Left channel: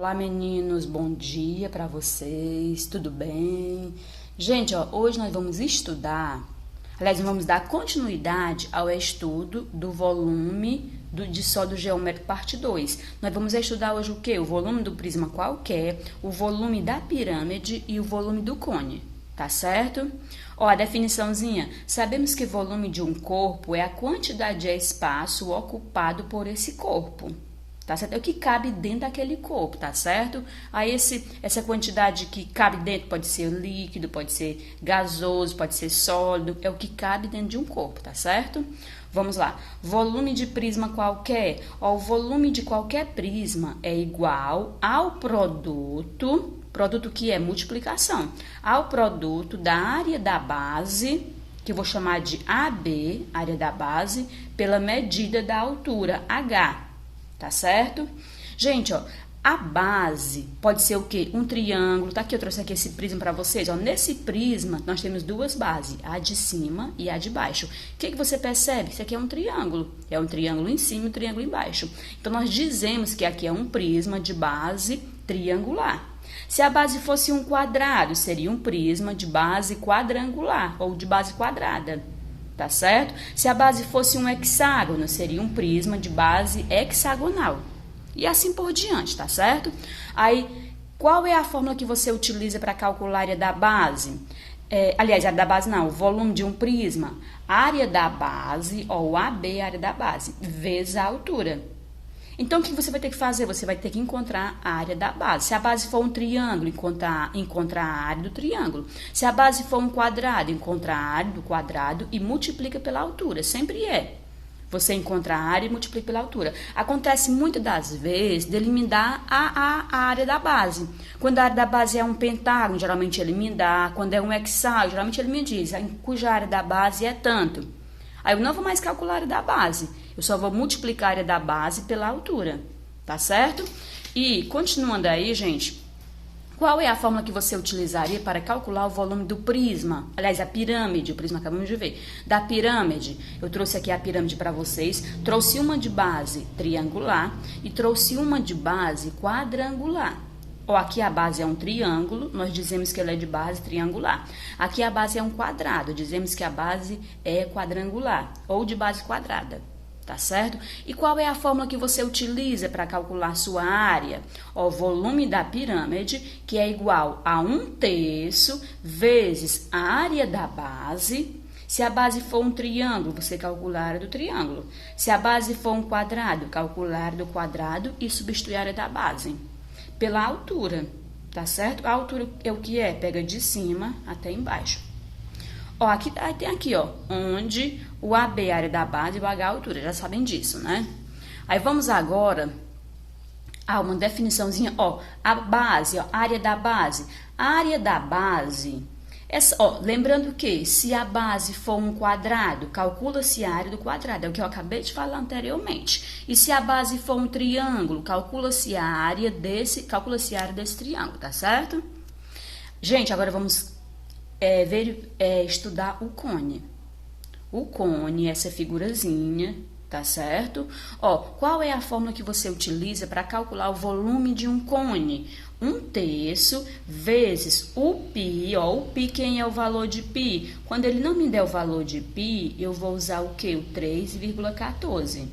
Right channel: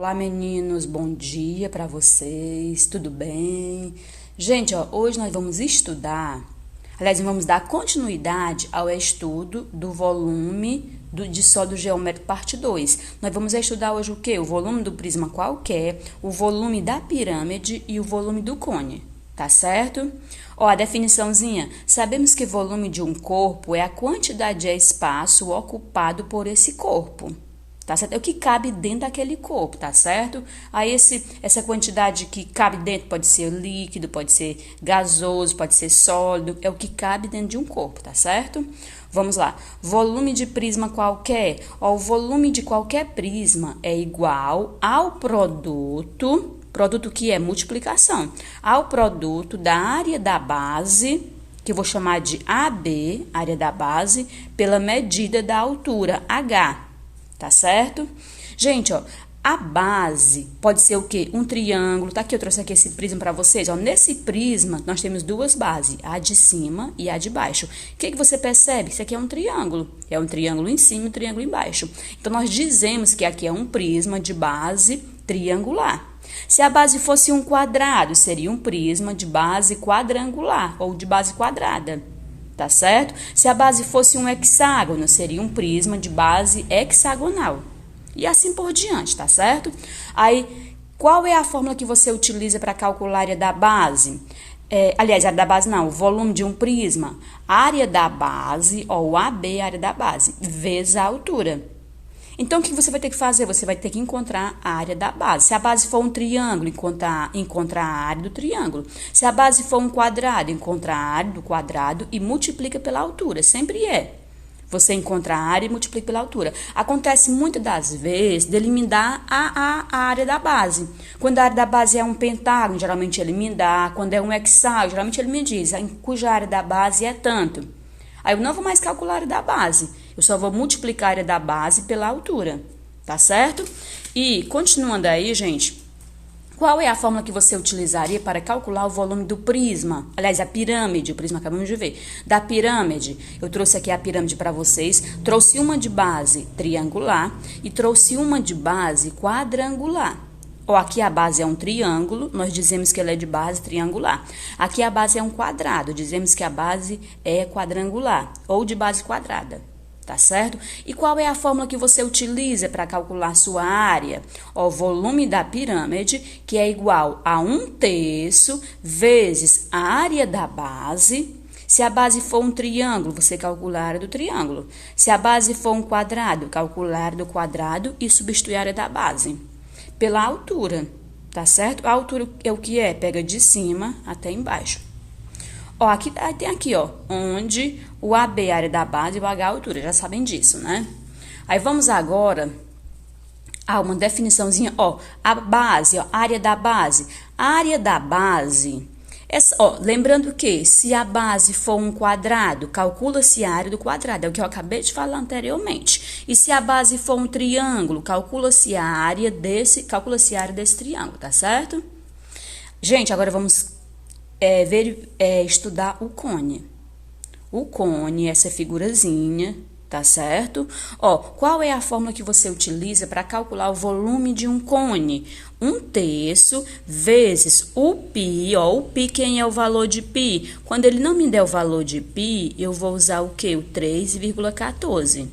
Olá, meninos, bom dia para vocês, tudo bem? Gente, hoje nós vamos estudar, vamos dar continuidade ao estudo do volume de sólido geométrico parte 2. Nós vamos estudar hoje o quê? O volume do prisma qualquer, o volume da pirâmide e o volume do cone, tá certo? A definiçãozinha, sabemos que volume de um corpo é a quantidade de espaço ocupado por esse corpo. Tá certo? É o que cabe dentro daquele corpo, tá certo? Aí essa quantidade que cabe dentro pode ser líquido, pode ser gasoso, pode ser sólido, é o que cabe dentro de um corpo, tá certo? Vamos lá. Volume de prisma qualquer. O volume de qualquer prisma é igual ao produto que é multiplicação, ao produto da área da base, que eu vou chamar de AB, área da base, pela medida da altura, H. Tá certo? Gente, a base pode ser o quê? Um triângulo. Tá aqui, eu trouxe aqui esse prisma para vocês. Nesse prisma, nós temos duas bases, a de cima e a de baixo. O que você percebe? Isso aqui é um triângulo. É um triângulo em cima e um triângulo embaixo. Então, nós dizemos que aqui é um prisma de base triangular. Se a base fosse um quadrado, seria um prisma de base quadrangular ou de base quadrada. Tá certo? Se a base fosse um hexágono, seria um prisma de base hexagonal. E assim por diante, tá certo? Aí, qual é a fórmula que você utiliza para calcular a área da base? Aliás, a área da base não, o volume de um prisma. Área da base, ou AB, área da base, vezes a altura. Então, o que você vai ter que fazer? Você vai ter que encontrar a área da base. Se a base for um triângulo, encontra a área do triângulo. Se a base for um quadrado, encontra a área do quadrado e multiplica pela altura. Sempre é. Você encontra a área e multiplica pela altura. Acontece muitas das vezes de ele me dar a área da base. Quando a área da base é um pentágono, geralmente ele me dá. Quando é um hexágono, geralmente ele me diz, cuja área da base é tanto. Aí eu não vou mais calcular a área da base. Eu só vou multiplicar a área da base pela altura, tá certo? E, continuando aí, gente, qual é a fórmula que você utilizaria para calcular o volume do prisma? Aliás, a pirâmide, o prisma acabamos de ver. Da pirâmide, eu trouxe aqui a pirâmide para vocês, trouxe uma de base triangular e trouxe uma de base quadrangular. Aqui a base é um triângulo, nós dizemos que ela é de base triangular. Aqui a base é um quadrado, dizemos que a base é quadrangular ou de base quadrada. Tá certo? E qual é a fórmula que você utiliza para calcular sua área? O volume da pirâmide, que é igual a 1/3 vezes a área da base. Se a base for um triângulo, você calcula a área do triângulo. Se a base for um quadrado, calcula a área do quadrado e substitui a área da base pela altura, tá certo? A altura é o que é? Pega de cima até embaixo. Aqui tem aqui, onde o AB é a área da base e o H é a altura, já sabem disso, né? Aí vamos agora a uma definiçãozinha, a base, a área da base. A área da base, lembrando que se a base for um quadrado, calcula-se a área do quadrado, é o que eu acabei de falar anteriormente. E se a base for um triângulo, calcula-se a área desse triângulo, tá certo? Gente, agora vamos estudar o cone. O cone, essa figurazinha, tá certo? Qual é a fórmula que você utiliza para calcular o volume de um cone? 1/3 vezes o π, o π, quem é o valor de π? Quando ele não me der o valor de π, eu vou usar o quê? O 3,14.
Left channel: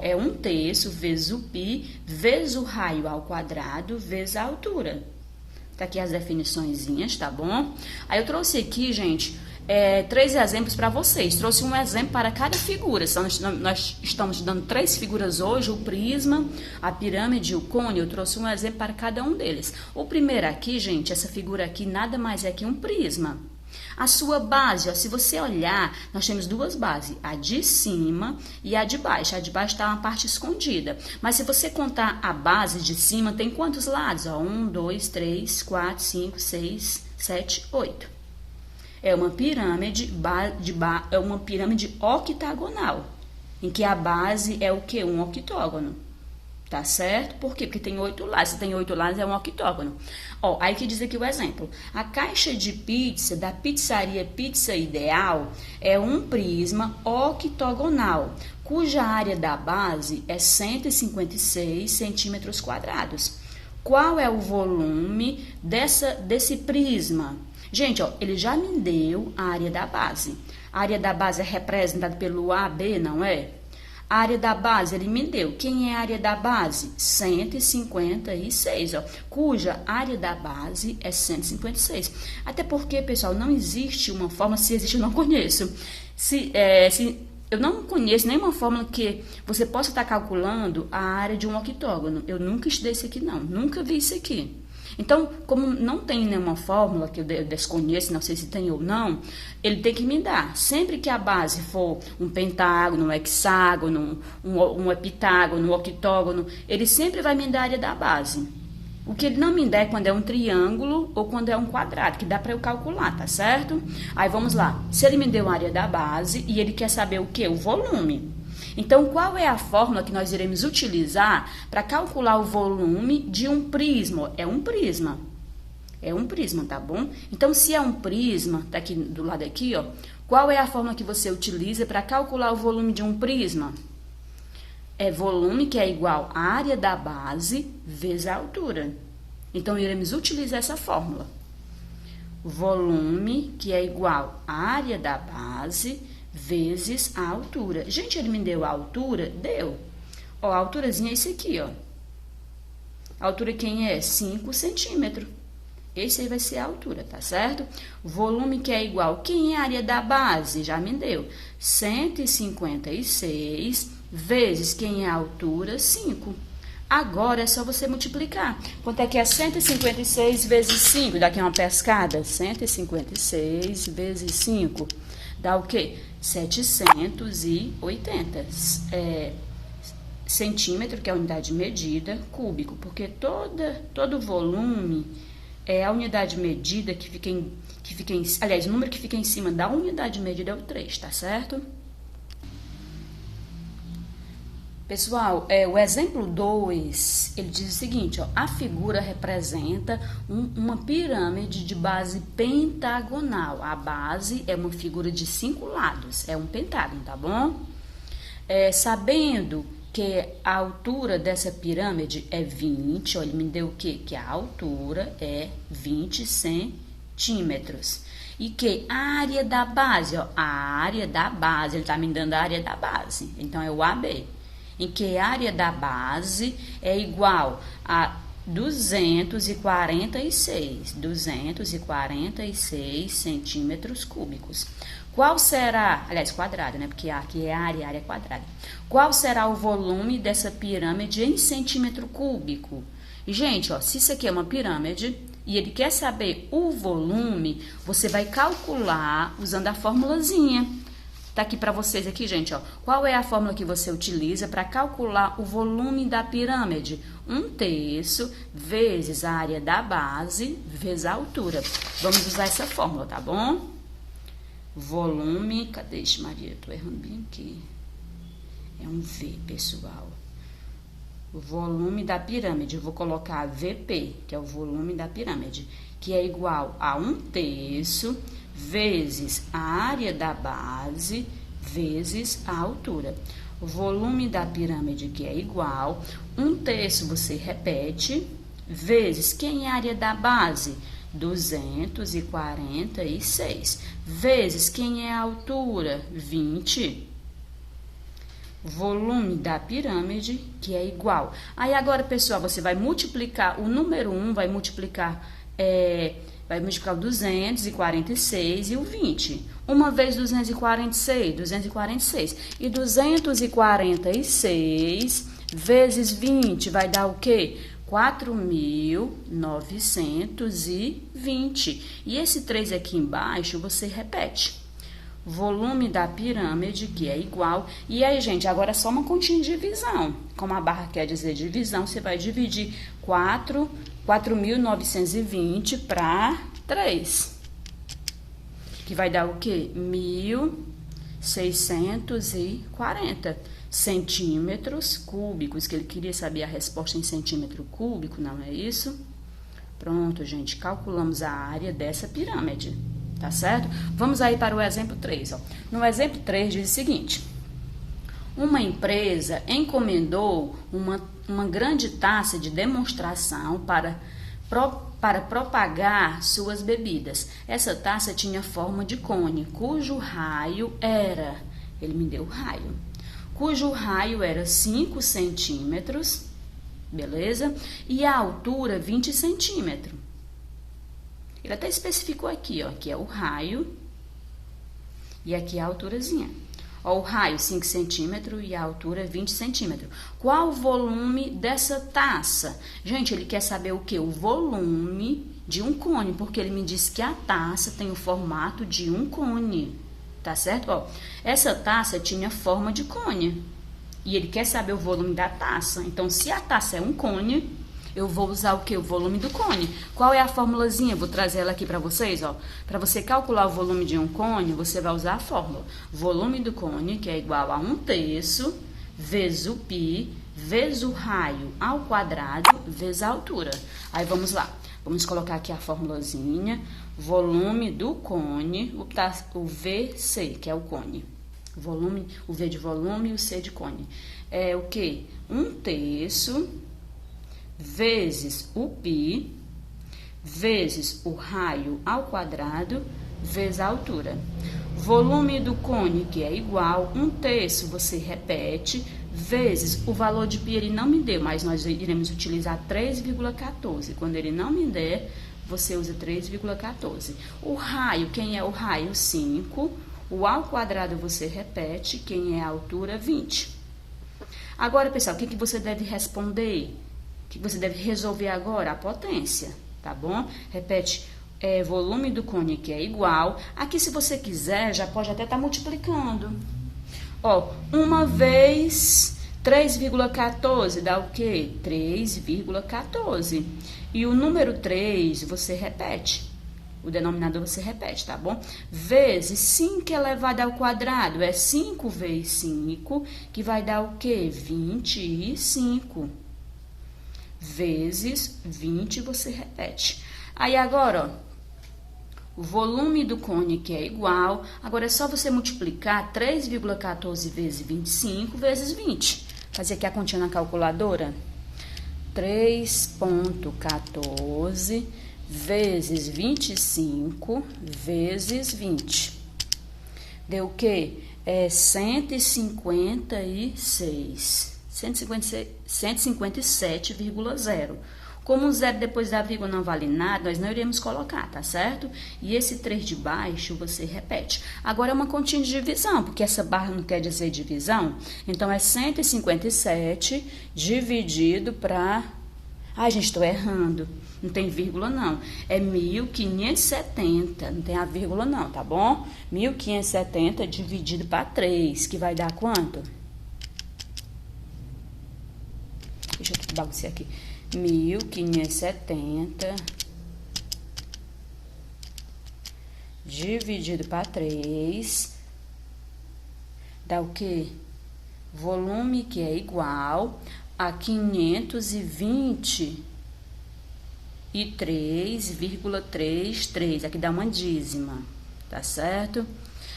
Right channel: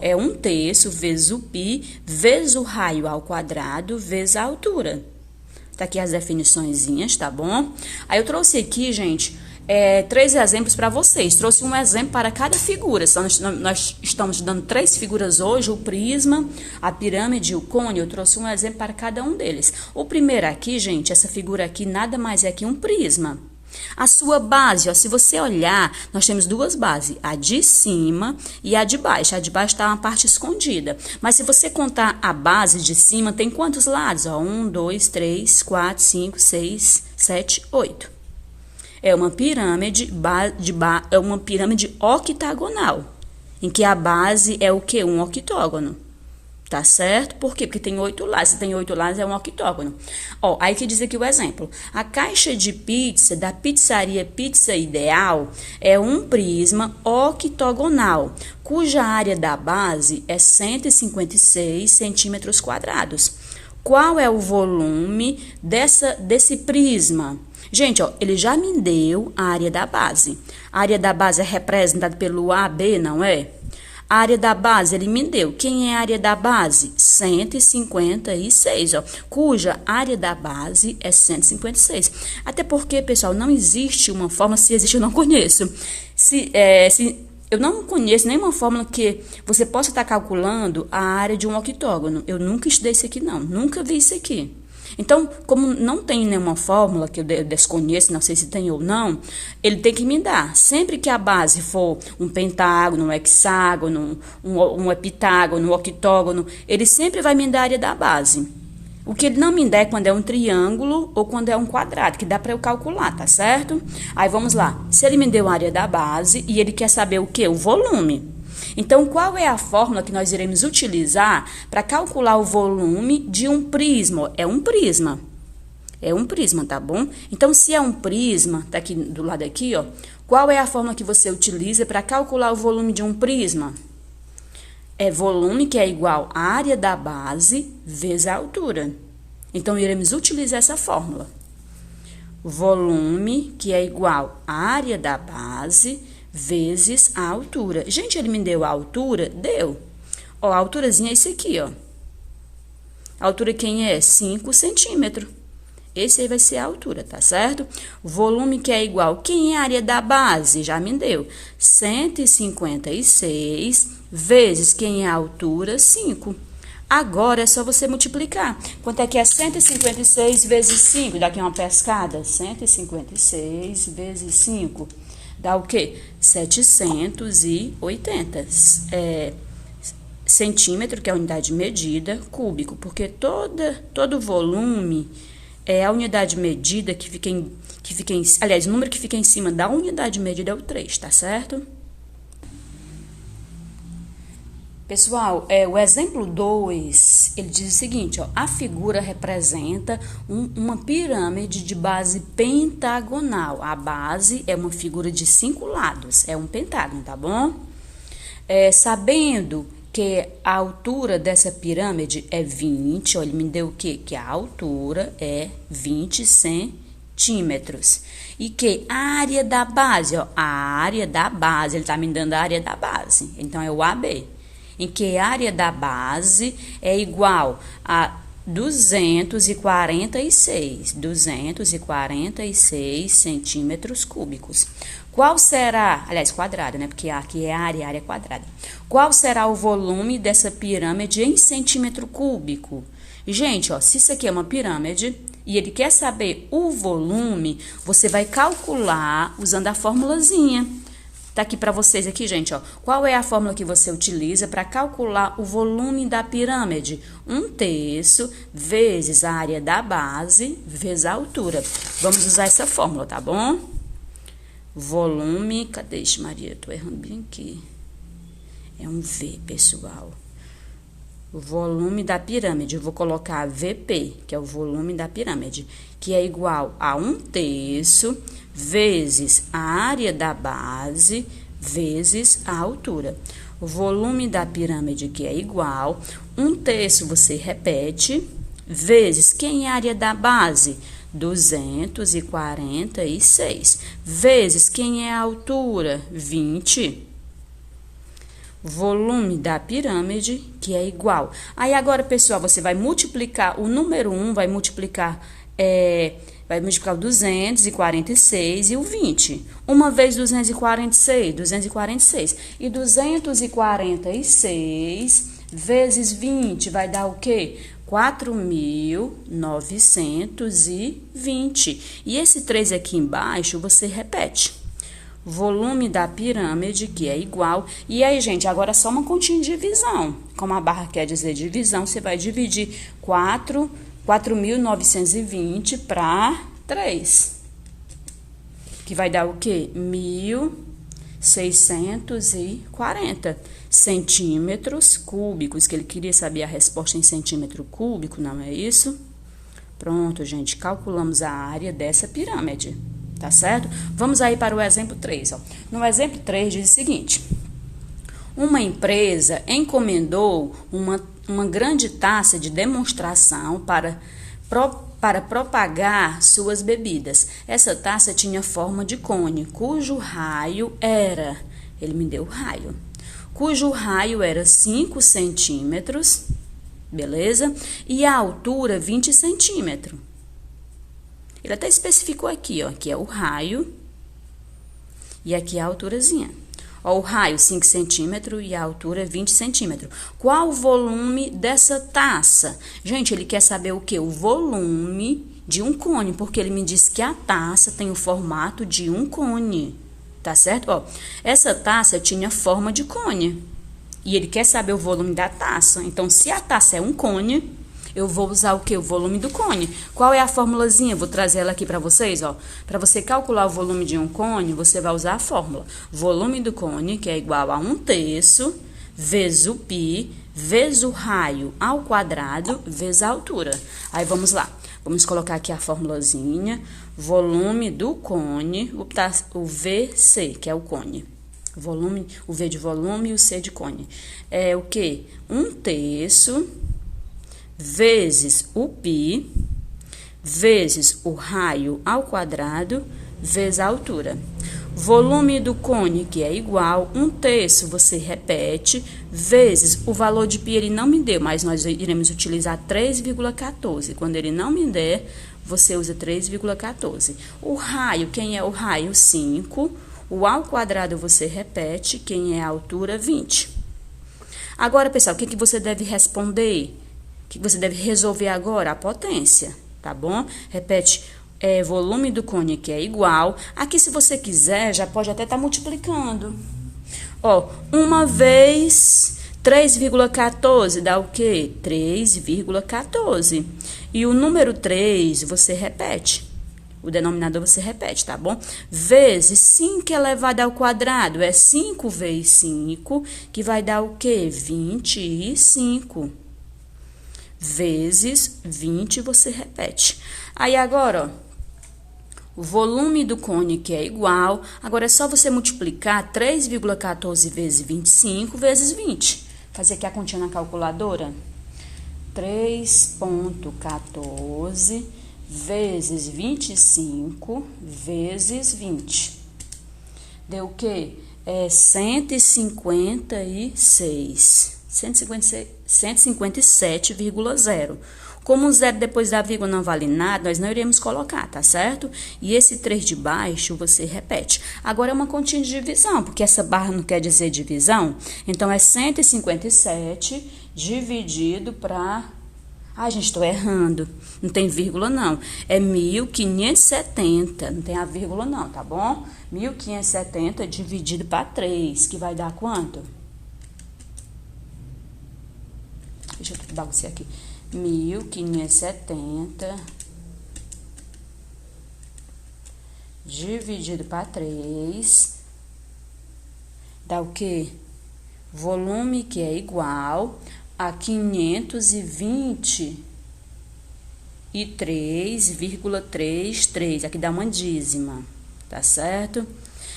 É 1/3 vezes o π, vezes o raio ao quadrado, vezes a altura. Tá aqui as definiçõezinhas, tá bom? Aí eu trouxe aqui, gente, 3 exemplos para vocês. Trouxe um exemplo para cada figura. Nós estamos dando 3 figuras hoje, o prisma, a pirâmide e o cone. Eu trouxe um exemplo para cada um deles. O primeiro aqui, gente, essa figura aqui nada mais é que um prisma. A sua base, se você olhar, nós temos duas bases, a de cima e a de baixo. A de baixo está uma parte escondida. Mas se você contar a base de cima, tem quantos lados? 1, 2, 3, 4, 5, 6, 7, 8. É uma pirâmide, é uma pirâmide octagonal, em que a base é o quê? Um octógono. Tá certo? Por quê? Porque tem 8 lados. Se tem 8 lados, é um octógono. Aí que diz aqui o exemplo. A caixa de pizza da pizzaria Pizza Ideal é um prisma octogonal, cuja área da base é 156 centímetros quadrados. qual é o volume desse prisma? Gente, ó, ele já me deu a área da base. A área da base é representada pelo AB, não é? A área da base, ele me deu. Quem é a área da base? 156, ó, cuja área da base é 156. Até porque, pessoal, não existe uma fórmula, se existe eu não conheço. Eu não conheço nenhuma fórmula que você possa estar calculando a área de um octógono. Eu nunca estudei isso aqui, não. Nunca vi isso aqui. Então, como não tem nenhuma fórmula que eu desconheço, não sei se tem ou não, ele tem que me dar. Sempre que a base for um pentágono, um hexágono, um heptágono, um octógono, ele sempre vai me dar a área da base. O que ele não me dá é quando é um triângulo ou quando é um quadrado, que dá para eu calcular, tá certo? Aí vamos lá. Se ele me deu a área da base e ele quer saber o quê? O volume. Então, qual é a fórmula que nós iremos utilizar para calcular o volume de um prisma? É um prisma. É um prisma, tá bom? Então, se é um prisma, tá aqui do lado aqui, ó. Qual é a fórmula que você utiliza para calcular o volume de um prisma? É volume, que é igual à área da base vezes a altura. Então, iremos utilizar essa fórmula. Volume, que é igual à área da base vezes a altura. Gente, ele me deu a altura? Deu. Ó, a alturazinha é esse aqui, ó. A altura quem é? 5 centímetros. Esse aí vai ser a altura, tá certo? Volume que é igual. Quem é a área da base? Já me deu. 156 vezes quem é a altura? 5. Agora é só você multiplicar. Quanto é que é 156 vezes 5? Dá aqui uma pescada. 156 vezes 5. Dá o quê? 780 centímetro, que é a unidade de medida, cúbico, porque todo volume é a unidade de medida aliás, o número que fica em cima da unidade de medida é o 3, tá certo? Pessoal, o exemplo 2, ele diz o seguinte, ó, a figura representa uma pirâmide de base pentagonal. A base é uma figura de 5 lados, é um pentágono, tá bom? Sabendo que a altura dessa pirâmide é 20, ó, ele me deu o quê? Que a altura é 20 centímetros. E que a área da base, ó, a área da base, ele tá me dando a área da base, então é o AB. Em que a área da base é igual a 246 centímetros cúbicos. Qual será, aliás, quadrada, né? Porque aqui é a área é quadrada. Qual será o volume dessa pirâmide em centímetro cúbico? Gente, ó, se isso aqui é uma pirâmide e ele quer saber o volume, você vai calcular usando a formulazinha. Tá aqui para vocês aqui, gente, ó. Qual é a fórmula que você utiliza para calcular o volume da pirâmide? 1/3 vezes a área da base vezes a altura. Vamos usar essa fórmula, tá bom? Volume, cadê isso, Maria? Eu tô errando bem aqui. É um V, pessoal. O volume da pirâmide, eu vou colocar VP, que é o volume da pirâmide, que é igual a 1/3 vezes a área da base vezes a altura. O volume da pirâmide, que é igual, 1/3 você repete, vezes quem é a área da base? 246, vezes quem é a altura? 20. Volume da pirâmide, que é igual. Aí agora, pessoal, você vai multiplicar o número 1, vai multiplicar o 246 e o 20. Uma vez 246. E 246 vezes 20 vai dar o quê? 4.920. E esse 3 aqui embaixo você repete. Volume da pirâmide, que é igual. E aí, gente, agora é só uma continha de divisão. Como a barra quer dizer divisão, você vai dividir 4.920 para 3. Que vai dar o quê? 1.640 centímetros cúbicos. Que ele queria saber a resposta em centímetro cúbico, não é isso? Pronto, gente, calculamos a área dessa pirâmide. Tá certo? Vamos aí para o exemplo 3, ó. No exemplo 3 diz o seguinte: uma empresa encomendou uma grande taça de demonstração para propagar suas bebidas. Essa taça tinha forma de cone, cujo raio era, ele me deu o raio, cujo raio era 5 centímetros, beleza? E a altura 20 centímetros. Ele até especificou aqui, ó, aqui é o raio e aqui é a alturazinha. Ó, o raio 5 centímetros e a altura 20 centímetros. Qual o volume dessa taça? Gente, ele quer saber o quê? O volume de um cone, porque ele me disse que a taça tem o formato de um cone, tá certo? Ó, essa taça tinha forma de cone e ele quer saber o volume da taça. Então, se a taça é um cone, eu vou usar o quê? O volume do cone. Qual é a formulazinha? Vou trazer ela aqui para vocês, ó. Para você calcular o volume de um cone, você vai usar a fórmula. Volume do cone, que é igual a 1/3 vezes o π, vezes o raio ao quadrado, vezes a altura. Aí, vamos lá. Vamos colocar aqui a formulazinha. Volume do cone, o VC, que é o cone. Volume, o V de volume e o C de cone. É o quê? 1/3 vezes o π, vezes o raio ao quadrado, vezes a altura. Volume do cone, que é igual 1/3, você repete, vezes o valor de π ele não me deu, mas nós iremos utilizar 3,14. Quando ele não me der, você usa 3,14. O raio, quem é o raio? 5. O ao quadrado você repete, quem é a altura? 20. Agora, pessoal, o que você deve responder? O que você deve resolver agora? A potência, tá bom? Repete, volume do cone que é igual. Aqui, se você quiser, já pode até estar multiplicando. Ó, 1 vez 3,14 dá o quê? 3,14. E o número 3 você repete. O denominador você repete, tá bom? Vezes 5 elevado ao quadrado é 5 vezes 5, que vai dar o quê? 25. Vezes 20, você repete. Aí, agora, ó, o volume do cone que é igual, agora é só você multiplicar 3,14 vezes 25 vezes 20. Fazer aqui a continha na calculadora. 3,14 vezes 25 vezes 20. Deu o quê? 156. 157,0. Como o zero depois da vírgula não vale nada, nós não iremos colocar, tá certo? E esse 3 de baixo, você repete. Agora, é uma continha de divisão, porque essa barra não quer dizer divisão. Então, é 157 dividido para... Ai, gente, estou errando. Não tem vírgula, não. É 1.570. Não tem a vírgula, não, tá bom? 1.570 dividido para 3, que vai dar quanto? Deixa eu bagunçar aqui. 1.570 dividido para 3 dá o quê? Volume que é igual a 523,33. Aqui dá uma dízima, tá certo?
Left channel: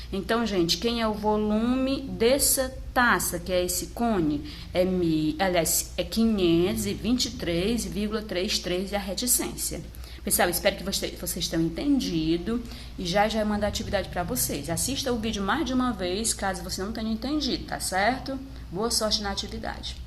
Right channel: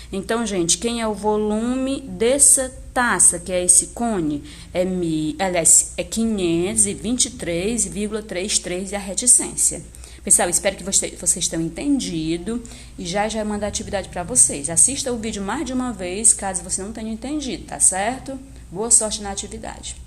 Então, gente, quem é o volume dessa taça, que é esse cone? É 523,33 e a reticência. Pessoal, espero que vocês tenham entendido e já mando a atividade para vocês. Assista o vídeo mais de uma vez, caso você não tenha entendido, tá certo? Boa sorte na atividade.